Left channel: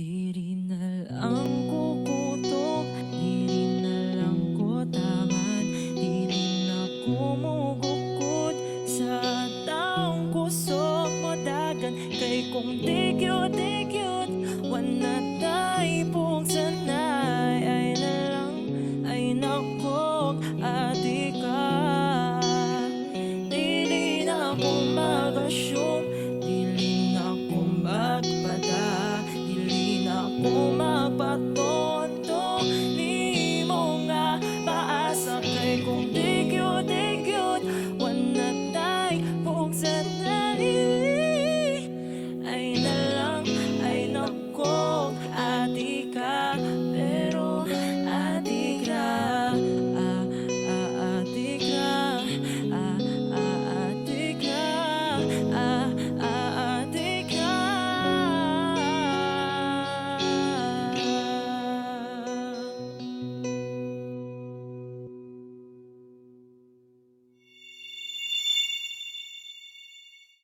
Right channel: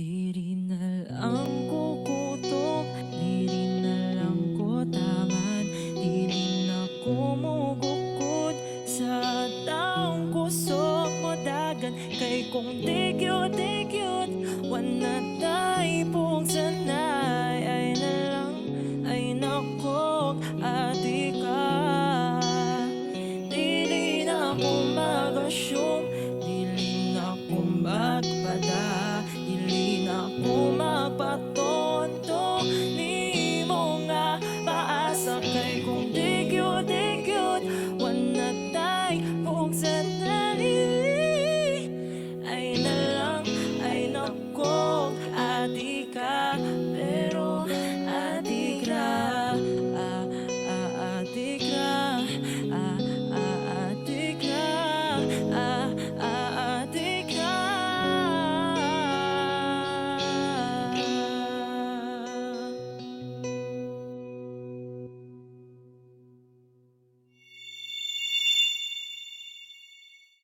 Di rin na lang ko kutob, di rin na lang ko taman, di rin ako mugukod sa taong kusog mo dagan. Kay kung di cute, wana tayo pong sanay. Ay na lang, ay nakog ati ka. Dili na ako mag-assume, dili na ako magpada, dili na ako magpatondo. Ni mo nga paasa kay kung di cute, wana tayo pong sanay. Ay na lang, ay nakog ati ka. Pero ati ka, ati ka.